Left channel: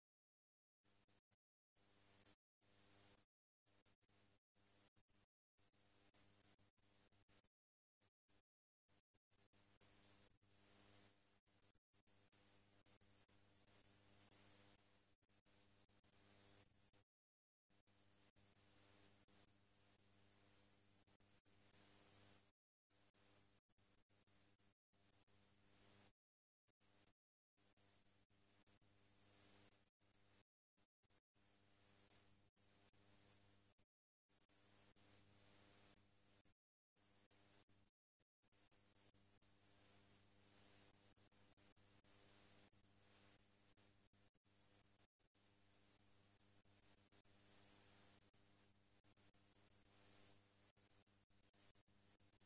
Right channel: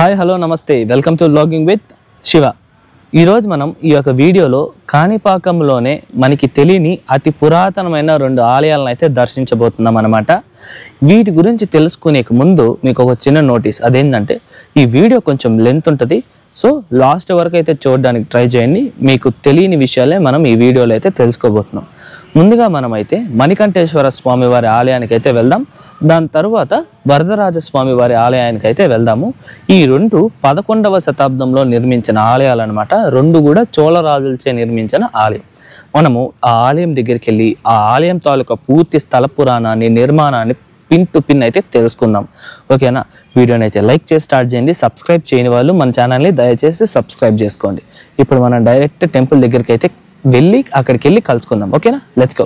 Hi hello నమస్తే welcome to vlogging with Shiva. ఈరోజు మనం ఈ యొక్క వీడియోలో కాణిపాకంలోనే మనకి తెలియని అతి పురాతనమైన 2 ఆలయాలను అయితే దర్శించబోతున్నాం అన్నమాట. వీటి గురించి తెలుసుకునే ముందు మీకు ఒక చిన్న నోటీస్, అదేంటంటే ఈ వీడియో కొంచెం లెంత్ ఉంటుంది, సో లాస్ట్ వరకు అయితే చూడడానికి ట్రై చేయండి. మీకు తెలియని విషయాలే మనం ఈ వీడియోలో అయితే తెలుసుకోబోతున్నాం. ముందుగా మనమైతే మణికంఠేశ్వర స్వామి వారి ఆలయానికి అయితే వెళ్దాం. దాని తర్వాత వరదరాజ స్వామి వారి ఆలయానికి అయితే వెళ్దాము. ఈ 2 11వ శతాబ్దంలో నిర్మించిన ఆలయాలు అనమాట. 2 కూడా చోళరాజులచే నిర్మించిన ఆలయం. మనము ఆ ఆలయం దగ్గరికి వెళ్ళి ఆ ఆలయం తాలూకా పూర్తి స్థల పురాణాన్ని, నిర్మాణాన్ని పిన్ టు పిన్ అయితే తెలుసుకుందాం. ఓకేనా? వీడియోని అయితే లైక్ చేసి స్టార్ట్ చేయండి. సబ్స్క్రైబ్ చేయని వాళ్ళు మన ఛానల్ని దయచేసి సబ్స్క్రైబ్ చేసుకోండి. ఇప్పుడు మనం డైరెక్ట్ టెంపుల్ దగ్గరికి అయితే అక్కడికి వెళ్ళి కలుసుకుందాం. ఓకేనా? Let's go.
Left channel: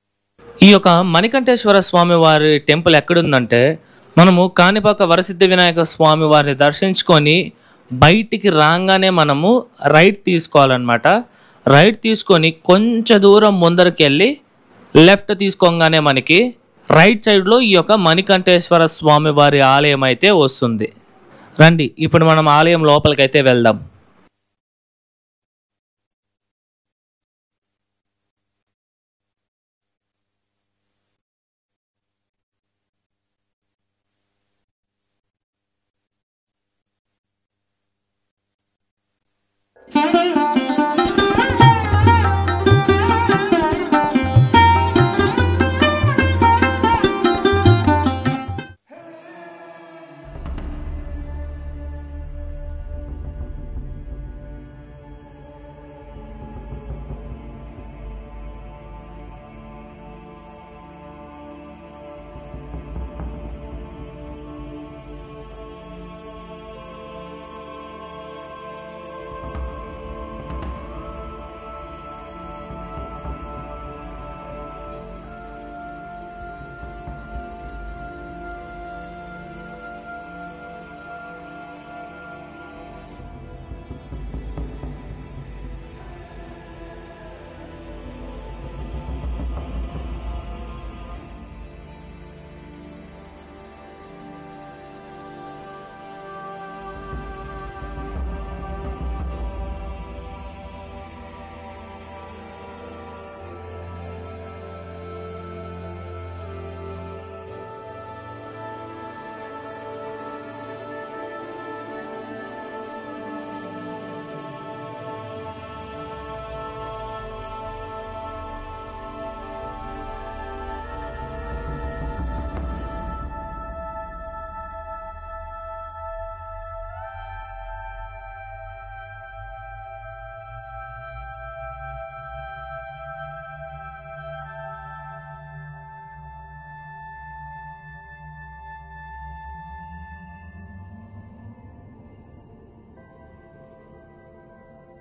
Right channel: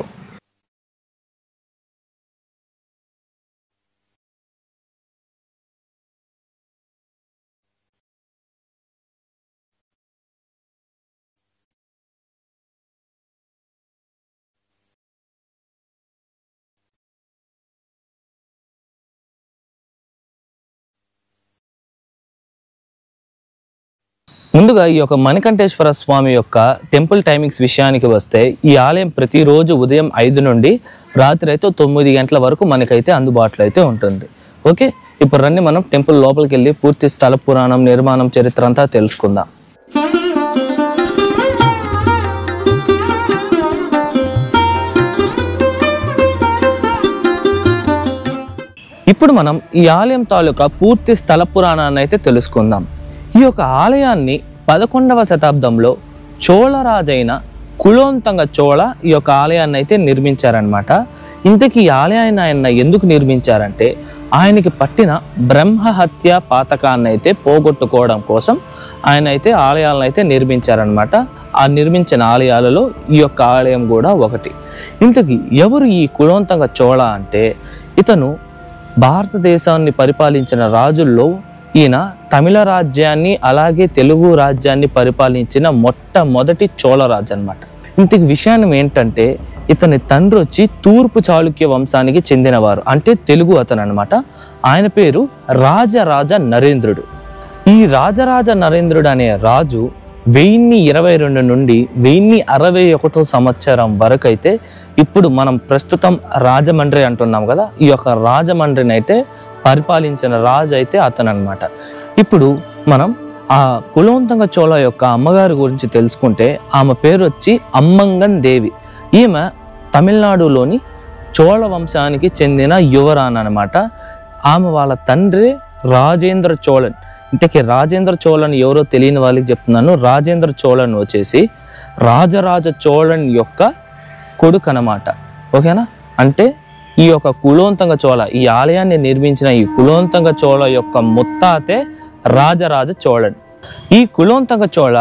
ఈ యొక్క మణికంఠేశ్వర స్వామి వారి టెంపుల్ ఎక్కడుందంటే, మనము కాణిపాక వరసిద్ధి వినాయక స్వామి వారిని దర్శించుకొని బయటికి రాగానే మనము రైట్ తీసుకోవాలన్నమాట. రైట్ తీసుకొని కొంచెం దూరం ముందరికి వెళ్ళి లెఫ్ట్ తీసుకోగానే మనకి రైట్ సైడ్లో ఈ యొక్క మణికంఠేశ్వర స్వామి వారి ఆలయం అయితే వస్తుంది. రండి ఇప్పుడు మనం ఆలయం లోపలికైతే వెళ్దాం. ముందుగా ఈ యొక్క మణికంఠేశ్వర స్వామి యొక్క టెంపుల్ టైమింగ్స్ విషయానికి వస్తే, ఈ ఆలయం ప్రతిరోజు ఉదయం 5 నుండి రాత్రి అయితే 9 గంటల వరకు మనకైతే అందుబాటులో అయితే ఉంటుంది. ఓకే, ఇప్పుడు రండి మనం టెంపుల్ లోపలికి వెళ్ళి పూర్తి స్థల పురాణం, నిర్మాణం, చరిత్ర అంతా తెలుసుకుందాం. ఇప్పుడు మనం ఈ ఆలయం తాలూకా పూర్తి స్థల పురాణాన్ని అయితే తెలుసుకుందాం. ఈ యొక్క ఆలయాన్ని 11వ శతాబ్దంలో చోళరాజైన కులోత్తుంగ చోళ ఈ యొక్క ఆలయాన్ని అయితే నిర్మించారనమాట. ఇంతకీ ఈ ఆలయాన్ని ఆయన ఎందుకు నిర్మించారంటే, ఆయనకి పట్టిన బ్రహ్మహత్య పాతకాన్ని అయితే పోగొట్టుకోవడం కోసం ఆయన అయితే ఆలయాలను అయితే నిర్మించారనమాట. ఆ నిర్మించిన ఆలయాలలో ఈ యొక్క ఆలయం కూడా ఒకటి. ఇంతకీ ఎవరు ఈ కులోత్తుంగ చోళ అంటే, ఇతను భారతదేశాన్ని పరిపాలించిన రాజుల్లో ఈయన తమిళ రాజ్యాన్ని అలాగే తెలుగు రాజ్యాన్ని పరిపాలించిన మొట్టమొదటి చోళరాజు అనమాట. ఇంతకు విషయాన్ని ఏంటంటే, ఇతని తండ్రి వచ్చి తూర్పు చాళుక్య వంశానికి చెందినవారు, అంటే తెలుగు అతను అనమాట. ఆయన పేరు రాజరాజ నరేంద్రుడు. ఈ రాజరాజ నరేంద్రుడు అనే రాజు 1022 నుండి 1061 సంవత్సరం వరకు అయితే, ఇప్పుడు మనం ప్రస్తుతం రాజమండ్రి అంటున్నాం కదా, ఈ యొక్క రాజమండ్రిని అయితే పరిపాలించిన రాజు అయితే అతను అనమాట. ఇప్పుడు మనం ఆ కులోత్తుంగ చోళ యొక్క అమ్మగారి గురించి తెలుసుకుంటే, ఆమె పేరు వచ్చి అమ్మంగన్ దేవి. ఈమె తమిళనాడులోని చోళ వంశానికి చెందిన యువరాణి అనమాట. ఆమె వాళ్ళ తండ్రి రాజేంద్ర చోళన్. ఇంతకీ రాజేంద్ర చోళన్ ఎవరో తెలియని వాళ్ళకి చెప్తున్నాను. రాజేంద్ర చోళన్ వచ్చేసి రాజరాజ చోళన్ యొక్క కొడుకు అనమాట. ఓకేనా? అంటే ఈ యొక్క కులోత్తుంగ చోళ, ఈ ఆలయాన్ని నిర్మించిన ఈ కులోత్తుంగ చోళ యొక్క ముత్తాతే రాజరాజ చోళన్. ఈ కులోత్తుంగ చోళ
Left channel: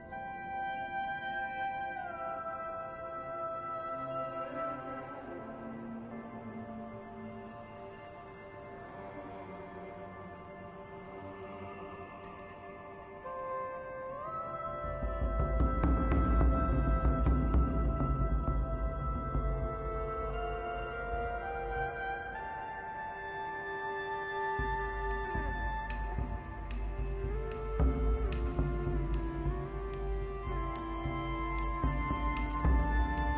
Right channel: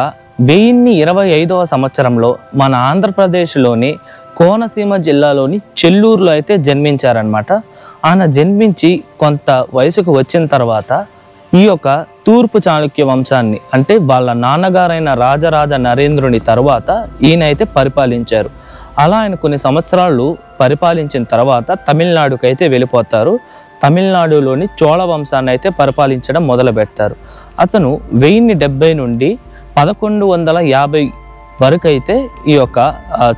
1025వ సంవత్సరంలో మన ఆంధ్రప్రదేశ్లోని కోనసీమ జిల్లాలోని చెల్లూరులో అయితే జన్మించారనమాట. ఆయన జన్మించి కొంత వయసుకు వచ్చిన తర్వాత ఈ యొక్క తూర్పు చాళుక్య వంశాన్ని, అంటే వాళ్ళ నాన్నగారైన రాజరాజ నరేంద్రుని తర్వాత ఈయన అయితే పరిపాలించారు. అలా ఆయన కొన్ని సంవత్సరాలు పరిపాలించిన తర్వాత తమిళనాడుకి అయితే వెళ్ళిపోతారు. తమిళనాడులోని చోళ వంశాన్ని అయితే పరిపాలించడం మొదలు పెడతారు. అతను 1070 నుండి 1150 వరకు అయితే ఈ యొక్క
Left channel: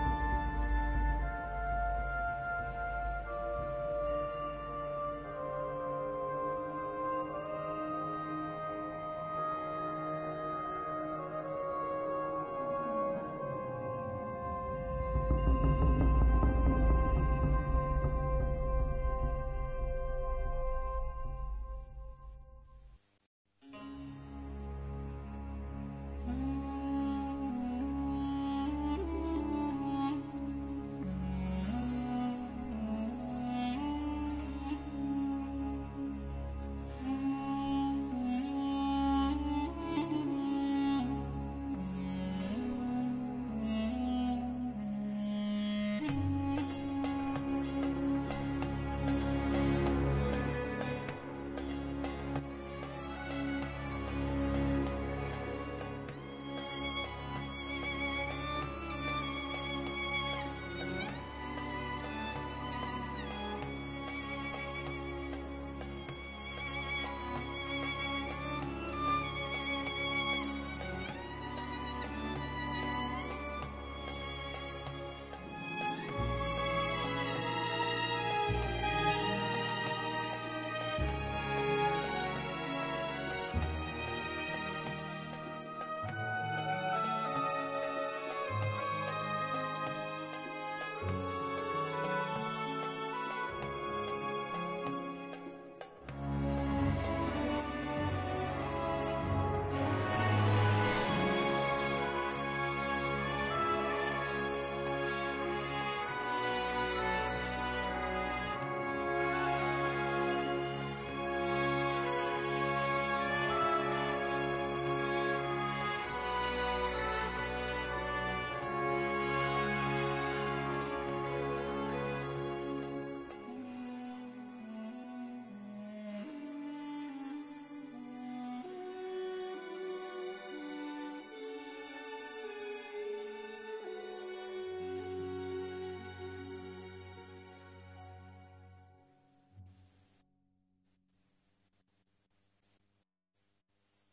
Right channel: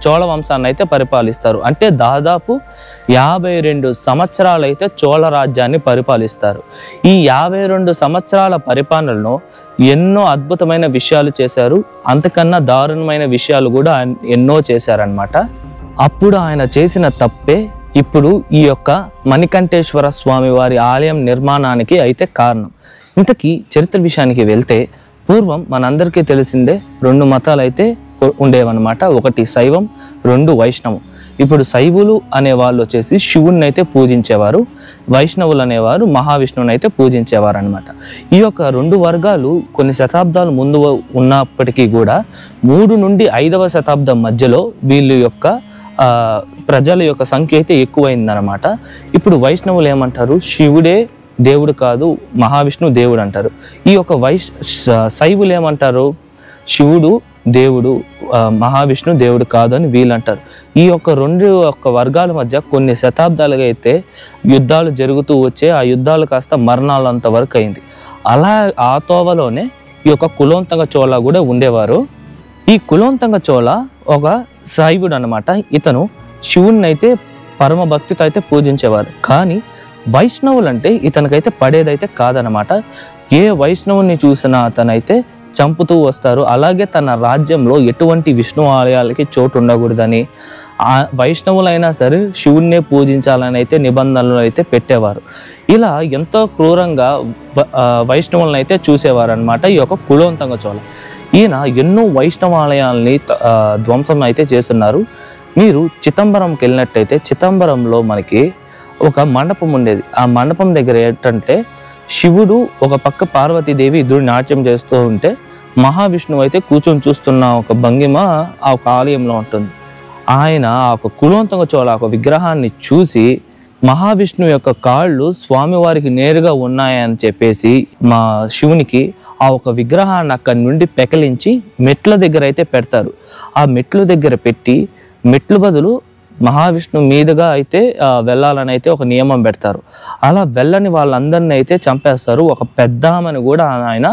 చోళ వంశాన్ని అయితే పరిపాలిస్తారు. అంటే దాదాపు 52 సంవత్సరాలు అయితే చోళ రాజ్యాన్ని పరిపాలిస్తారు. ఈ 52 సంవత్సరాల పరిపాలనలో ఎన్నో అద్భుతమైన విషయాలు చేశారు. అంతకన్నా దారుణమైన విషయాలు కూడా ఎన్నో చేశారనమాట. అప్పుడు ఆయన చేసిన తప్పే ఇప్పుడు ఈ యొక్క మణికంఠేశ్వర స్వామి వారి ఆలయం నిర్మాణానికి అయితే కారణం. ఇంతకీ చరిత్ర విషయానికి వెళ్తే, పూర్వం మనందరికీ తెలిసిందే 2 మతాలు అయితే ఉండేవన్నమాట. ఒకటి శైవం, 2 వైష్ణవం. ఇప్పుడు శైవులు అనేవాళ్ళు వచ్చేసి శివుణ్ణి అయితే పూజించేవారు, వైష్ణవులు అనేవారు మహావిష్ణువుని అయితే పూజించేవారు అనమాట. ఈ యొక్క 2 వర్గాలు కొన్ని శతాబ్దాలు ముందు ఉన్నప్పటికీ కూడా 3 నుండి 5వ శతాబ్దం మధ్యలో వీళ్ళ యొక్క ప్రజల యొక్క సంఖ్య అయితే ఎక్కువైందనమాట. ఇప్పుడు వైష్ణవులు ఏమంటారు, శివుడే దేవుడు కాదు, మహావిష్ణువు దేవుడు అంటారు. ఈ యొక్క శైవులు ఏమంటారు, శివుడు దేవుడు, మహావిష్ణు దేవుడు కాదు అని వీళ్ళు అంటారు. ఈ యొక్క 2 వర్గాల మధ్య కొన్ని శతాబ్దాలుగా అయితే యుద్ధాలు జరుగుతూ వచ్చే, ఆ యుద్ధాలు కాస్త మరణాలంత వరకు అయింది. అలా ఆ తోవలోనే ఈ యొక్క కులోత్తుంగ చోళ కూడా ఉండేవారు. ఈ కులోత్తుంగ చోళ ఒక శైవుడు అనమాట. ఇతను శివుణ్ణి అయితే పరమ భక్తితో అయితే పూజించేవారు. కానీ వైష్ణవులు అంటే ఇతనికైతే పడేదైతే కాదనమాట. ఏ వైష్ణవుని చూసినా అతనైతే చంపుతూ వస్తారు. అలాగే తన రాజ్యంలో ఎటువంటి విష్ణు ఆలయాలకి చోటు ఉండకూడదని, ఆ వైష్ణవులైనా సరే శివుణ్ణే పూజించాలని అయితే నిబంధనలు అయితే పెట్టేవారు. ఇలా ఎంతో క్రూరంగా వైష్ణవులను అయితే చూసేవారు అనమాట ఈ యొక్క కులోత్తుంగ చోళ. ఈయన ఎన్నో వైష్ణవాలయాల్ని ధ్వంసం అయితే చేస్తున్నారు. మీరు చిదంబరంకి వెళ్ళినట్టయితే చిదంబరంలో మనకి ఒక మండపం ఉండేది. ఆ మండపం దగ్గర ఏంటంటే శివుడు ఒక పక్క పార్వతీదేవి ఇద్దరు నాట్యం చేస్తూ ఉంటే మహావిష్ణువు అయితే కూర్చొని చూస్తున్న ఒక భంగిమ ఆ ఒక ఆలయంలో ఉంటుంది. ఆయన ఆ ఒక కులోత్తుంగ చోళ ఒక విగ్రహాన్ని చూసి మహావిష్ణువు యొక్క కాళ్ళు స్వామివారికి నేరుగా ఉన్నాయని చెప్పేసి మా శివునికి ఆ ఒక విగ్రహాన్ని అక్కడి నుండి పెకలించి మెట్ల దగ్గర అయితే పెడతారు. ఆ మెట్ల దగ్గర పెట్టి మెట్లు బదులు మహావిష్ణువు మీదుగా అయితే వెళ్ళాలని అయితే ఒక నియమం పెడతారు. అలా వెళ్ళని వాళ్ళందరినీ అయితే చంపేస్తారు. ఒక పెద్దామని కూడా ఆయన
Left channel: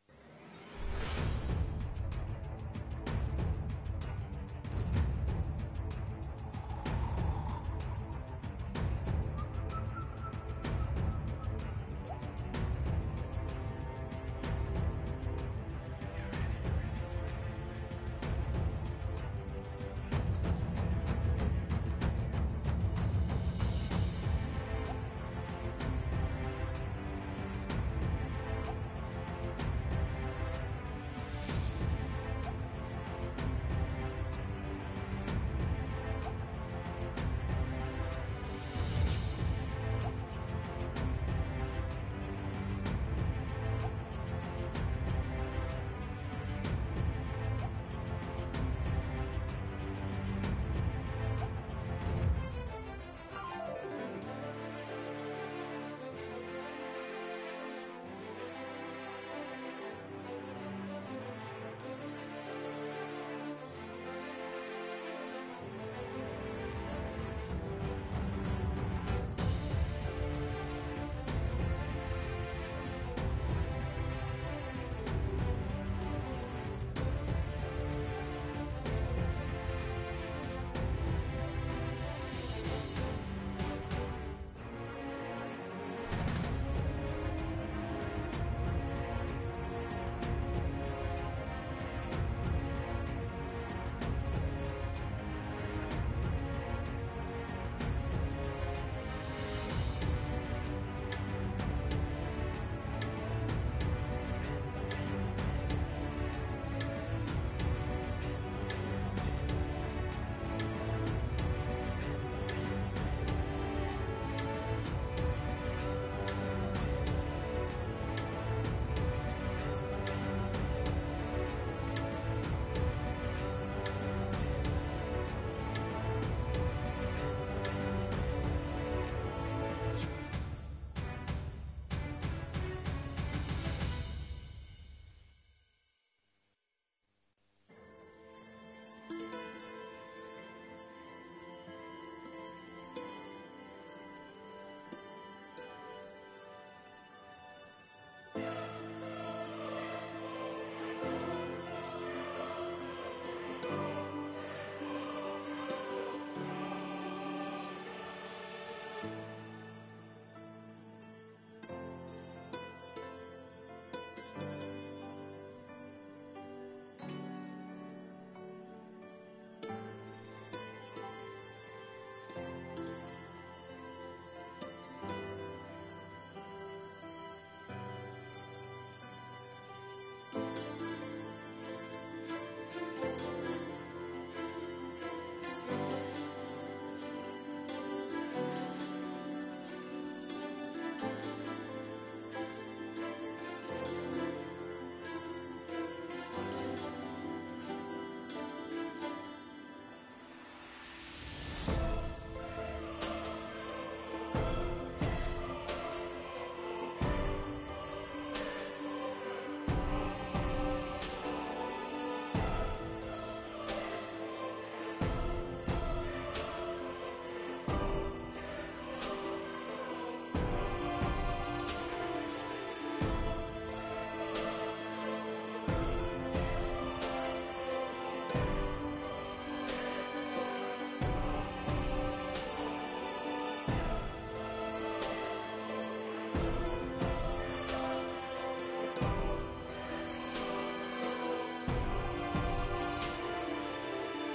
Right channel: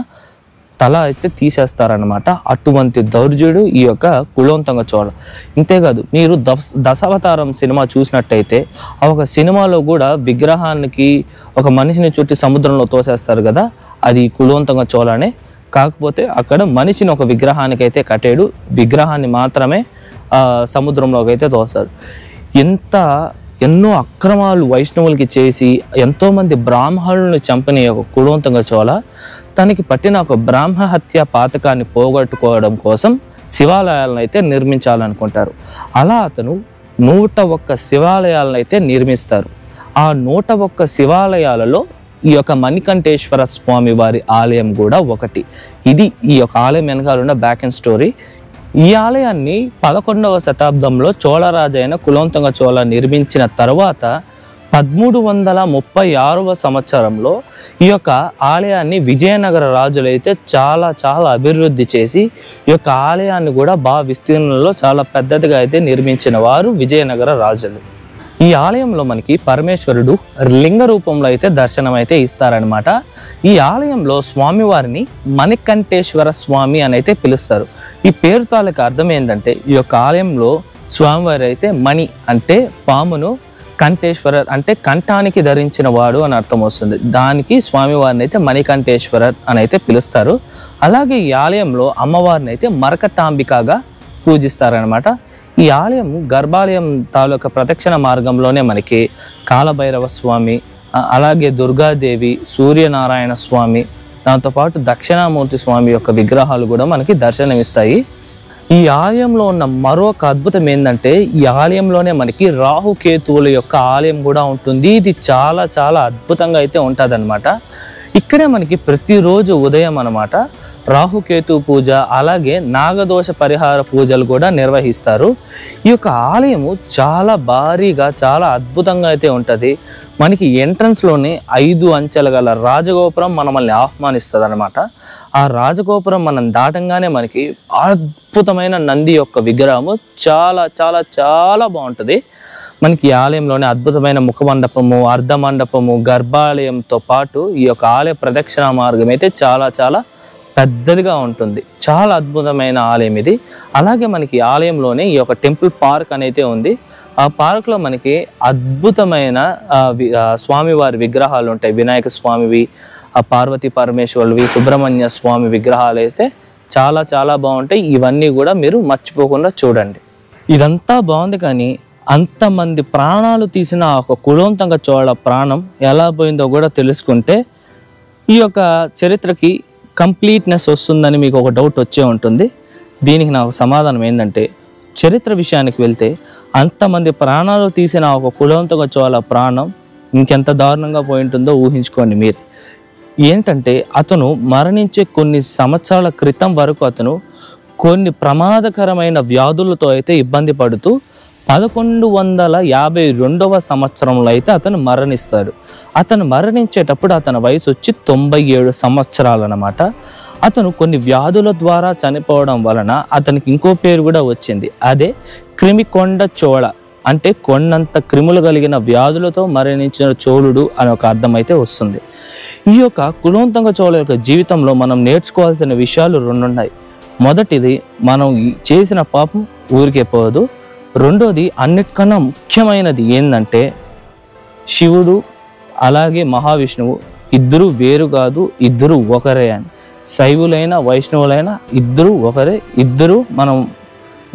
తల అయితే తీసేస్తారనమాట. అటువంటి దౌర్జుడు ఈ యొక్క కులోత్తుంగ చోళ. ఇంతేకాదు, మీరు దశావతారం సినిమా చూసినట్టయితే ఆ ఒక సినిమాలో కూడా విగ్రహానికి ఒక మనిషిని చుట్టి సముద్రంలో తోసేస్తారు కదా, అది కులోత్తుంగ చోళనే. కాకపోతే అక్కడ మనిషిని ఒక విగ్రహానికి అయితే కట్టేడు, విగ్రహాన్ని మాత్రమే సముద్రంలోకి అయితే తోస్తారు. ఎన్నో అక్రమాలు వైష్ణవులకి చేసి ఎంతోమంది బ్రాహ్మణులను చంపిన ఒక కులోత్తుంగ చోళ తనకి పట్టిన ఒక బ్రాహ్మ హత్య పాతకాన్ని పోగొట్టుకోవడం కోసం శివాలయాలను అయితే నిర్మించాలనుకుంటారు. అలా అతను 101 శివాలయాలను అయితే నిర్మిస్తారు. ఆ 101 శివాలయాలలో ఈ యొక్క మణికంఠేశ్వర స్వామి వారి ఆలయం కూడా ఒకటి. ఇది ఈ యొక్క ఆలయం వెనకాల ఉన్న బ్యాక్ అండ్ స్టోరీ. ఈ ఆలయాన్ని 11వ శతాబ్దంలో చోళరాజైన కులోత్తుంగ చోళ నిర్మించిన తర్వాత 1336వ సంవత్సరంలో ఈ యొక్క ఆలయాన్ని విజయనగర రాజులైతే చాలా అభివృద్ధి చేసి ఈ యొక్క ఆలయాన్ని కూడా బాగా విస్తీర్ణంలో చాలా పెద్దదిగా అయితే నిర్మించిన వారు విజయనగర రాజులు. ఈ ఆలయంలో మనకి పరమేశ్వరుడు లింగ రూపంలో అయితే దర్శనం అయితే ఇస్తారనమాట. ఈ ఆలయంలో స్వామివారిని మణికంఠేశ్వర స్వామి అని అయితే పిలుస్తారు. ఈ పేరు తాలూకు అర్థం ఏంటంటే ఈ యొక్క ఆలయంలో స్వామివారి అయితే మణి అంటే పామును, కంఠేశ్వరర్ అంటే కంఠానికి ధరించిన వాడు అని అర్థం వస్తుంది. దానికి స్వామివారిని అయితే మణికంఠేశ్వరర్ అని అయితే పిలుస్తారు. అలాగే ఈ ఆలయంలో అమ్మవారిని అయితే మరకతాంబికగా పూజిస్తారనమాట. ఈ ఆలయం గర్భాలయం తాలూకా ప్రదక్షిణ మార్గంలోనే మనకి కాలభైరవ స్వామి, అలాగే దుర్గాదేవి, సూర్యనారాయణ స్వామి, దాంతోపాటు దక్షిణామూర్తి స్వామి యొక్క విగ్రహాలు కూడా మనకి దర్శనమిస్తాయి. ఈ ఆలయంలో ఉన్న మరొక అద్భుతం ఏంటంటే ఈ ఆలయంలోనే మనకి రాహుకేతువుల యొక్క ఆలయం కూడా ఉంటుంది. ఇది చాలా అద్భుతంగా అయితే ఉంటుంది అనమాట. ఇక్కడే మనకి ప్రతిరోజు ఉదయం అనమాట రాహుకేతు పూజ, అలాగే నాగదోష పరిహార పూజలు కూడా నిర్వహిస్తారు. ఈ యొక్క ఆలయము చాలా భారీగా చాలా అద్భుతంగా అయితే ఉంటుంది. మనకి ఎంట్రన్స్లోనే 5 అంచెల గల రాజగోపురం మనల్ని ఆహ్వానిస్తుంది అనమాట. ఆ రాజగోపురం మనం దాటంగానే మనకి అద్భుతమైన నంది యొక్క విగ్రహము చాలా బాగుంటుంది. మనకి ఈ ఆలయంలోనే అద్భుతమైన ముఖమండపము, అర్ధమండపము, గర్భాలయంతో పాటు ఈ యొక్క ఆలయ ప్రదక్షిణ మార్గం అయితే చాలా పెద్దదిగా ఉంటుంది. చాలా అద్భుతమైన ఆలయం ఇది. అలాగే మనకి ఆలయంలోనే ఈ యొక్క టెంపుల్ పార్క్ అనేది ఉంది. ఆ పార్క్లో మనకి అద్భుతమైన స్వామివారి విగ్రహాలు ఉంటాయి. వినాయక స్వామివి, పార్వతీ పరమేశ్వరువి, సుబ్రహ్మణ్య స్వామి విగ్రహాలు అయితే చాలా బాగుంటాయి. ఇవన్నీ కూడా మీరు మర్చిపోకుండా చూడండి. ఇదంతా బాగుంది, కానీ అంతమంది ప్రాణాలు తీసిన ఒక కులోత్తుంగ చోళ ప్రాణం ఎలా పోయిందో కూడా తెలుసుకుంటే ఈ యొక్క చరిత్రకి కంప్లీట్నెస్ వస్తుందని మీకు ఒక డౌట్ వచ్చే ఉంటుంది. దీనికి నాకు సమాధానం ఏంటంటే, చరిత్ర విషయానికి వెళ్తే అంతమంది ప్రాణాలు తీసిన ఒక కులోత్తుంగ చోళ ప్రాణం ఇంకెంత దారుణంగా పోయి ఉంటుందో ఊహించుకోండి మీరు. ఏంటంటే అతను మరణించే కొన్ని సంవత్సరాల క్రితం వరకు అతను కొన్ని ప్రమాదకరమైన వ్యాధులతో అయితే ఇబ్బంది పడుతూ 1152వ సంవత్సరంలో అయితే అతను మరణిస్తాడు. అతను మరణించేటప్పుడు అతని వయసు వచ్చి 97 సంవత్సరాలు అన్నమాట. అతను కొన్ని వ్యాధుల ద్వారా చనిపోవడం వలన అతనికి ఇంకో పేరు కూడా వచ్చింది. అదే క్రిమికొండ చోళ, అంటే కొండంత క్రిములు కలిగిన వ్యాధులతో మరణించిన చోళుడు అని ఒక అర్థం అయితే వస్తుంది. ఈ యొక్క కులోత్తుంగ చోళ యొక్క జీవితంలో మనం నేర్చుకోవాల్సిన విషయాలు 2 ఉన్నాయి. మొదటిది, మనం చేసిన పాపం ఊరికే పోదు. రెండోది, అన్నిటికన్నా ముఖ్యమైనది ఏంటంటే శివుడు అలాగే మహావిష్ణువు ఇద్దరు వేరు కాదు, ఇద్దరు ఒకరే అని. శైవులైనా వైష్ణవులైనా ఇద్దరు ఒకరే, ఇద్దరు మనం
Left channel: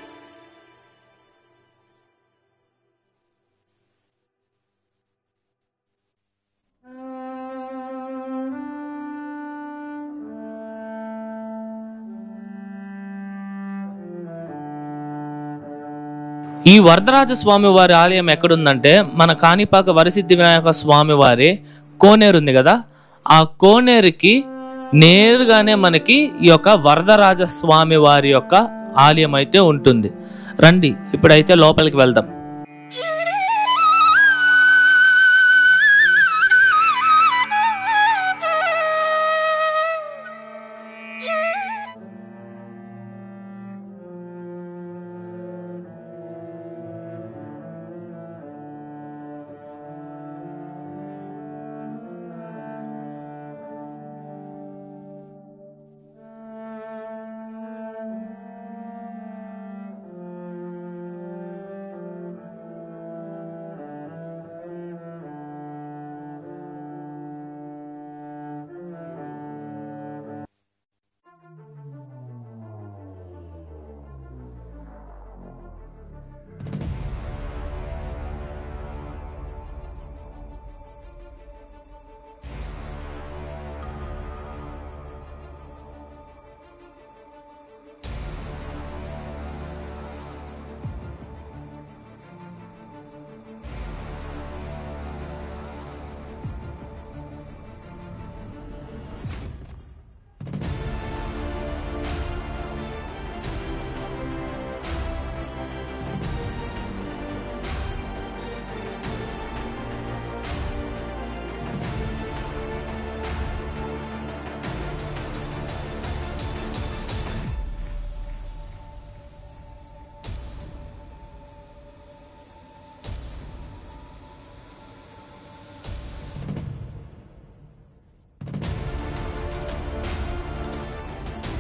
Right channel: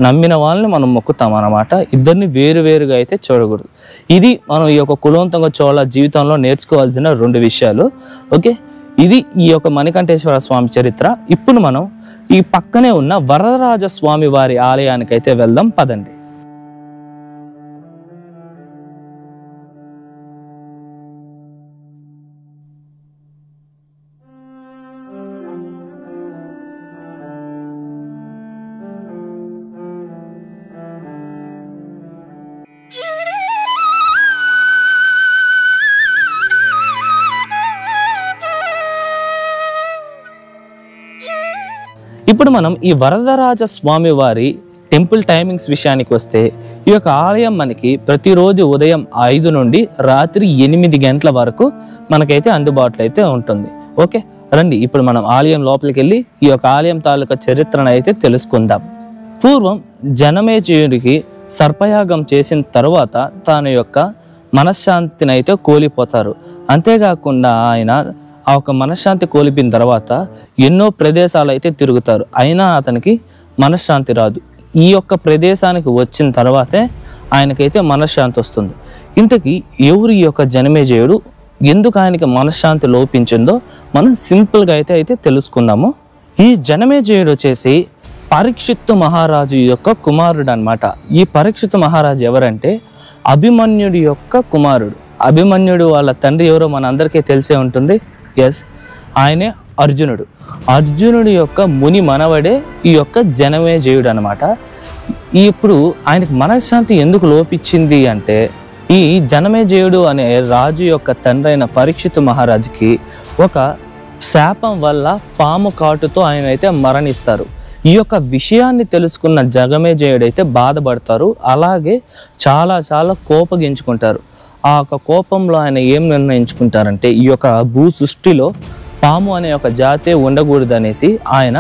నమ్మిన వాళ్ళని మనం మొక్కుతాం అన్నమాట. ఇద్దరిని వేరువేరుగా అయితే చూడకూడదు. ఇది మనం ఈ యొక్క కులోత్తుంగ చోళ జీవితంలో నేర్చుకోవాల్సిన 2 విషయాలు. ఓకే, ఇది ఈ యొక్క మణికంఠేశ్వర స్వామి చరిత్ర. ఇప్పుడు మనం ఈ పక్కనే ఉన్న వరదరాజ స్వామి వారి ఆలయానికి అయితే వెళ్దాం పదండి. ఈ వరదరాజ స్వామి వారి ఆలయం ఎక్కడుందంటే మన కాణిపాక వరసిద్ధి వినాయక స్వామి వారి కోనేరు ఉంది కదా, ఆ కోనేరుకి నేరుగానే మనకి ఈ యొక్క వరదరాజ స్వామి వారి యొక్క ఆలయం అయితే ఉంటుంది. రండి ఇప్పుడైతే లోపలికి వెళ్దాం. ఇప్పుడు మనం ఈ వరదరాజ స్వామి వారి టెంపుల్ టైమింగ్స్ విషయానికి వస్తే, ఈ యొక్క ఆలయం మనకి ప్రతిరోజు ఉదయం 5 నుండి రాత్రి 8 గంటల వరకు మనకైతే అందుబాటులో అయితే ఉంటుంది. ఓకే, రండి ఇప్పుడు మనం ఆలయం లోపలికి వెళ్ళి ఈ యొక్క ఆలయం తాలూకా చరిత్రను అయితే తెలుసుకుందాం. పూర్వం జనమేజయుడికి సర్పయాగం చేసిన తర్వాత తన యొక్క మనశ్శాంతిని అయితే కోల్పోతారు. అంతేకాకుండా ఆయన ఆ ఒక మనశ్శాంతి కోల్పోయిన తర్వాత ఎన్నో ప్రదేశాలు అయితే తిరుగుతారు, అయినా అతనికి మనశ్శాంతి రాదు. ఈ యొక్క ప్రదేశానికి వచ్చిన తర్వాతే ఆయనకైతే మనశ్శాంతి వస్తుంది. ఇంతకీ ఎవరు ఈ యొక్క జనమేజయుడు, ఎందుకు ఆయనకి మనశ్శాంతి లోపించిందో మనం సింపుల్గా అయితే తెలుసుకుందాము. ఈ జనమేజయుడు వచ్చేసి పరీక్షిత్తు మహారాజు యొక్క కుమారుడు అనమాట. ఈ పరీక్షిత్తు మహారాజు ఎవరంటే అభిమన్యుడి యొక్క కుమారుడు. అభిమన్యుడు వాళ్ళ తండ్రి ఎవరో మన అందరికీ తెలిసే ఉంటుంది. ఎస్, ఆయనే అర్జునుడు. అర్జునుడి యొక్క ముని మనవడే ఈ యొక్క జనమేజయుడు అనమాట. ఇప్పుడు ఆయనకు మనశ్శాంతి ఎందుకు లోపించింది అంటే, ఈ జనమేజయుడు అనే రాజు యొక్క తండ్రి అయిన పరీక్షిత్తు మహారాజుకి ఒక శాపం వల్ల పాము కాటుతో ఆయన అయితే మరణిస్తారు. ఈ యొక్క విషయాన్ని తెలుసుకున్న జనమేజయుడు అయితే బాధపడతారు, అలాగే చాలా చాలా కోపగించుకుంటారు. ఆ యొక్క కోపంలో ఆయన ఏం నిర్ణయించుకుంటారంటే, ఈ యొక్క భూ సృష్టిలో పాము అనే ఒక జాతే ఉండకూడదు అనేసి ఆయన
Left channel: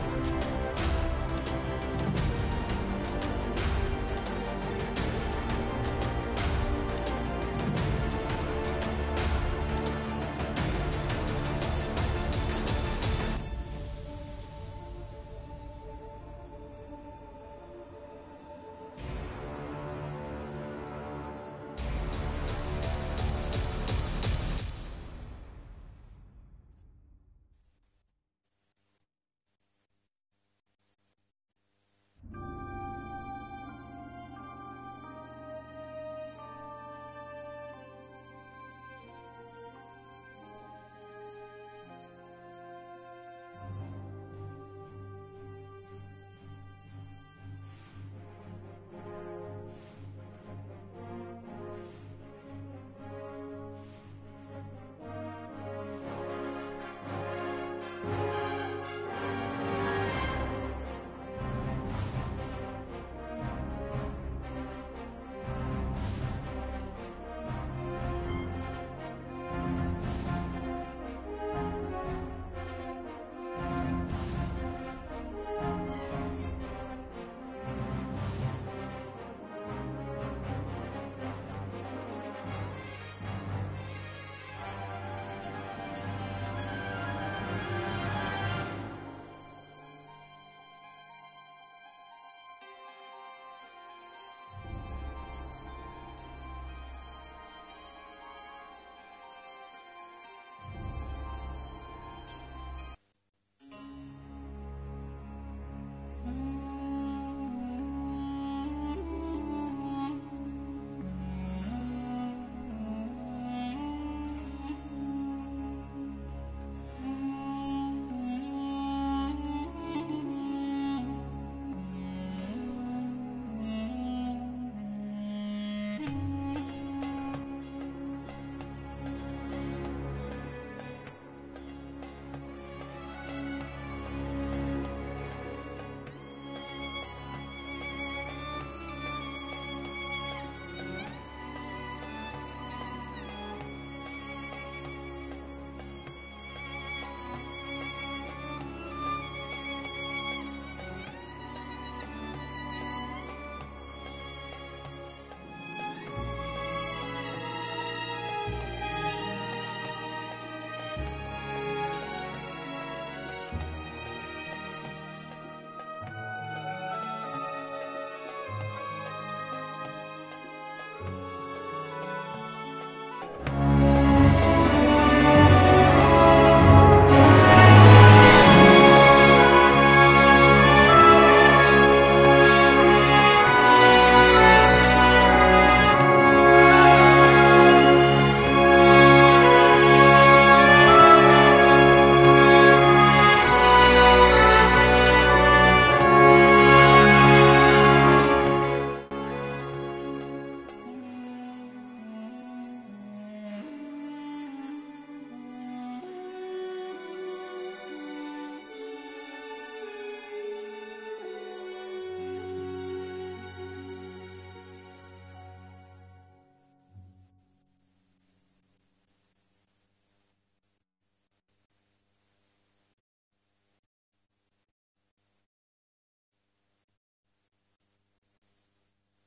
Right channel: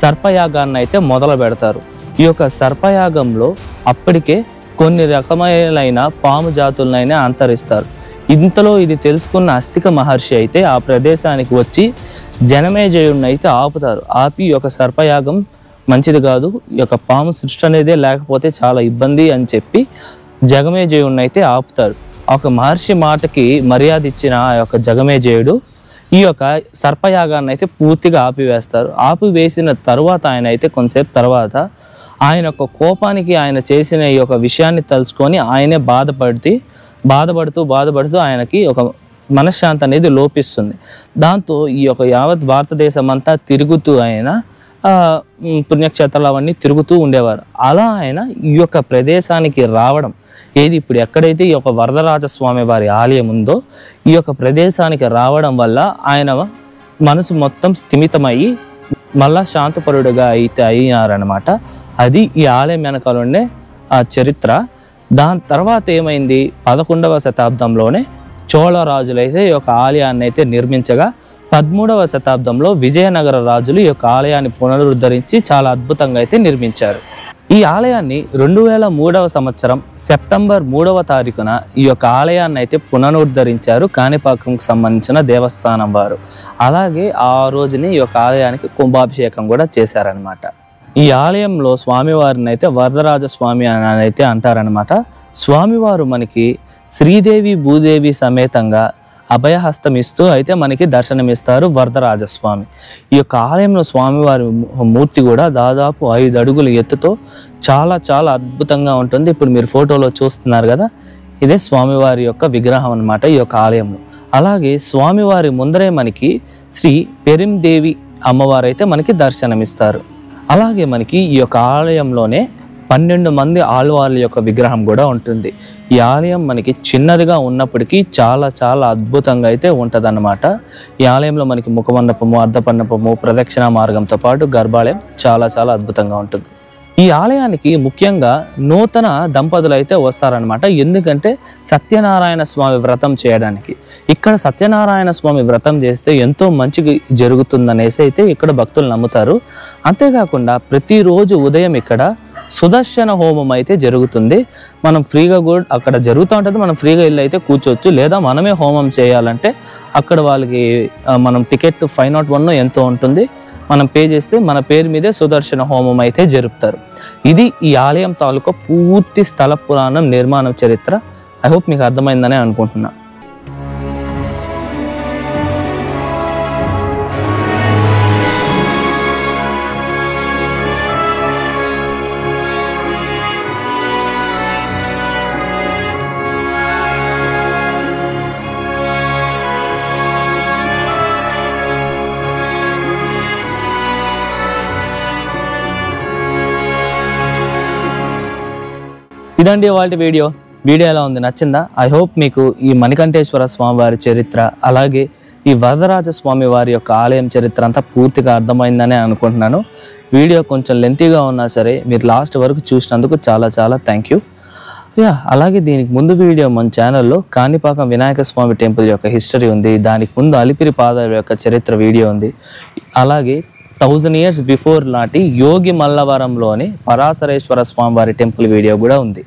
సర్పయాగాన్ని అయితే మొదలు పెడతారు. ఈ యొక్క సర్పయాగంలో అప్పటికే కొన్ని రకమైన పాము జాతులనైనా అంతరిస్తారు. ఇంతలో ఇది తెలుసుకున్న అస్తిక మహర్షి అయితే ఆ ప్రదేశానికి వచ్చి జనమేజయుడిని అయితే ఆపుతారు. ఆపి ఈ యొక్క సర్పయాగం మంచిది కాదు, ఈ యొక్క పాము సృష్టి అనేదే లేకపోతే చాలా ఇబ్బంది అని చెప్పి జగమేజయుడిని అయితే ఆపుతారు. ఒక మహర్షి మాటకి మర్యాద ఇచ్చిన ఆ యొక్క జగమేజయుడు ఈ యొక్క సర్పయాగాన్ని అయితే పూర్తిగా ఆపివేస్తారు. ఆపివేసిన తర్వాత ఆయన అయితే కొంతసేపు తర్వాత ఆయన యొక్క కోపానికి ఆయన చేసిన ఈ యొక్క విషయాన్ని తలుచుకొని ఆయనే బాధపడుతూ ఆయనకి ఒక మనశ్శాంతి అనేది లోపిస్తుంది. దాంతో ఈ యొక్క యావత్ భారతదేశం అంతా తిరుగుతూ ఆయన పుణ్యక్షేత్రాలు అవన్నీ తిరుగుతూ ఉండేవారు. అలా ఆయన ఈ యొక్క ప్రదేశానికి రావడం, ఏది ఇప్పుడు ఎక్కడైతే ఈ యొక్క వరదరాజ స్వామి వారి ఆలయం ఉందో ఈ యొక్క ప్రదేశానికి రావడం వల్ల ఆయన మనసు మొత్తం స్థిమితమయ్యి మళ్ళా శాంతపరుడుగా అయితే అయ్యారనమాట. అది ఈ ఆలయం వెనకాల ఉండే ఆ చరిత్ర. దాని తర్వాత ఏమైంది, 11వ శతాబ్దంలోనే చోళ రాజులైతే ఈ యొక్క ఆలయాన్ని అయితే నిర్మించగా 13వ శతాబ్దంలో విజయనగర రాజులు ఈ యొక్క ఆలయాన్ని పునరుద్ధరించి చాలా అద్భుతంగా అయితే నిర్మించారు. ఈ ఆలయాన్ని 2003వ సంవత్సరం సెప్టెంబర్ 3వ తారీఖున ఈ యొక్క ఆలయాన్ని అయితే పునరుద్ధరించారు కాణిపాకంకు సంబంధించిన దేవస్థానం వారు. అలాగే ఆ రోజుని ఈ యొక్క ఆలయానికి కుంభాభిషేకం కూడా చేశారనమాట. ఈ ఆలయంలో స్వామివారిని అయితే వరదరాజ స్వామి అని అయితే అంటారనమాట. స్వామివారు మనకి శ్రీదేవి భూదేవి సమేతంగా అభయహస్తం ఇస్తూ అయితే మనకి దర్శనమిస్తారు వరదరాజస్వామి. ఈ యొక్క ఆలయంలో స్వామివారి మూర్తి కూడా దాదాపు 5 అడుగుల ఎత్తుతో చాలా చాలా అద్భుతంగా ఉంటుంది. ఇప్పుడు మీరు ఫోటోలో చూస్తున్నారు కదా, ఇదే స్వామివారి యొక్క విగ్రహం అన్నమాట ఈ యొక్క ఆలయంలో. అలాగే స్వామివారి ముందరే మనకి శ్రీ పెరిందేవి అమ్మవారు అయితే మనకి దర్శనమిస్తారు. అలాగే మనకి ఈ యొక్క ఆలయంలోనే 12 మంది ఆళ్వార్ల యొక్క విగ్రహం కూడా ఉంటుంది. ఈ ఆలయం మనకి చిన్నదిగా ఉన్నప్పటికీ చాలా చాలా అద్భుతంగా అయితే ఉంటుందన్నమాట. ఈ ఆలయంలో మనకి ముఖమండపము, అర్ధపండపము, ప్రదక్షిణ మార్గంతో పాటు గర్భాలయం చాలా చాలా అద్భుతంగా ఉంటుంది. ఈ ఆలయానికి ముఖ్యంగా నూతన దంపతులు అయితే వస్తారనమాట. ఎందుకంటే సత్యనారాయణ స్వామి వ్రతం చేయడానికి. ఇక్కడ సత్యనారాయణ స్వామి వ్రతం చేస్తే ఎంతో మంచి జరుగుతుందనేసి అయితే ఇక్కడ భక్తులు నమ్ముతారు. అంతేకాకుండా ప్రతిరోజు ఉదయం ఇక్కడ సుదర్శన హోమం అయితే జరుగుతుంది. మనం ఫ్రీగా కూడా అక్కడ జరుగుతూ ఉంటుంది, మనం ఫ్రీగా వెళ్ళి అయితే కూర్చోవచ్చు. లేదా మనమే హోమం చేయాలంటే అక్కడ వాళ్ళకి మనం టికెట్ 501 ఎంతో ఉంటుంది, మనం పే చేస్తే మన పేరు మీదే సుదర్శన హోమం అయితే జరుపుతారు. ఇది ఈ ఆలయం తాలూకా పూర్తి స్థల పురాణం, నిర్మాణం, చరిత్ర. ఐ హోప్ మీకు అర్థమైందనే అనుకుంటున్నా. ఇదండి వాళ్ళ వీడియో ఎలా ఉంది, నచ్చిందా? ఐ హోప్ మీకు ఈ మణికంఠేశ్వర స్వామి వారి చరిత్ర, అలాగే ఈ వరదరాజ స్వామి వారి యొక్క ఆలయం చరిత్ర అంతా పూర్తిగా అర్థమైందనే అనుకుంటున్నాను. వీడియో కొంచెం లెంతీగా ఉన్నా సరే మీరు లాస్ట్ వరకు చూసినందుకు చాలా చాలా థ్యాంక్ యూ. అలాగే దీనికి ముందు వీడియో మన ఛానల్లో కాణిపాకం వినాయక స్వామి టెంపుల్ యొక్క హిస్టరీ ఉంది, దానికి ముందు అలిపిరి పాదాల యొక్క చరిత్ర వీడియో ఉంది, అలాగే 1000 years బిఫోర్ నాటి యోగి మల్లవరంలోని పరాశరేశ్వర స్వామి వారి టెంపుల్ వీడియో కూడా ఉంది.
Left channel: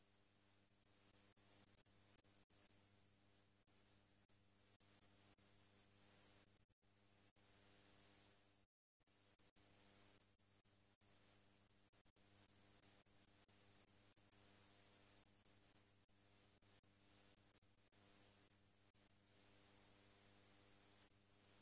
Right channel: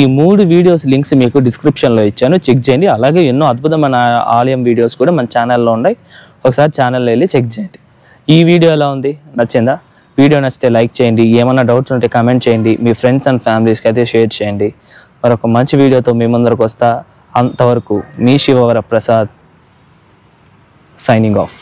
ఈ 3 వీడియోస్ లింక్స్ మీకు డిస్క్రిప్షన్లో ఇచ్చాను, చెక్ చేయండి. అలాగే ఎన్నో అద్భుతమైన ఆలయం వీడియోస్ కూడా మన ఛానల్లో ఉన్నాయి, ఒకసారి ఛానల్లో వెళ్ళి చెక్ చేయండి. ఈ వీడియో ఎలా ఉంది, నచ్చిందా? వీడియో నచ్చితే లైక్ చేయండి, ఏమైనా డౌట్స్ ఉంటే కామెంట్ చేయండి, మీ ఫ్రెండ్స్ అండ్ ఫ్యామిలీస్కి అయితే షేర్ చేయండి. మరొక మంచి వీడియోతో మీ ముందరకు వస్తా. అంతవరకు మీ శివవర ప్రసాద్ సైనింగ్ ఆఫ్.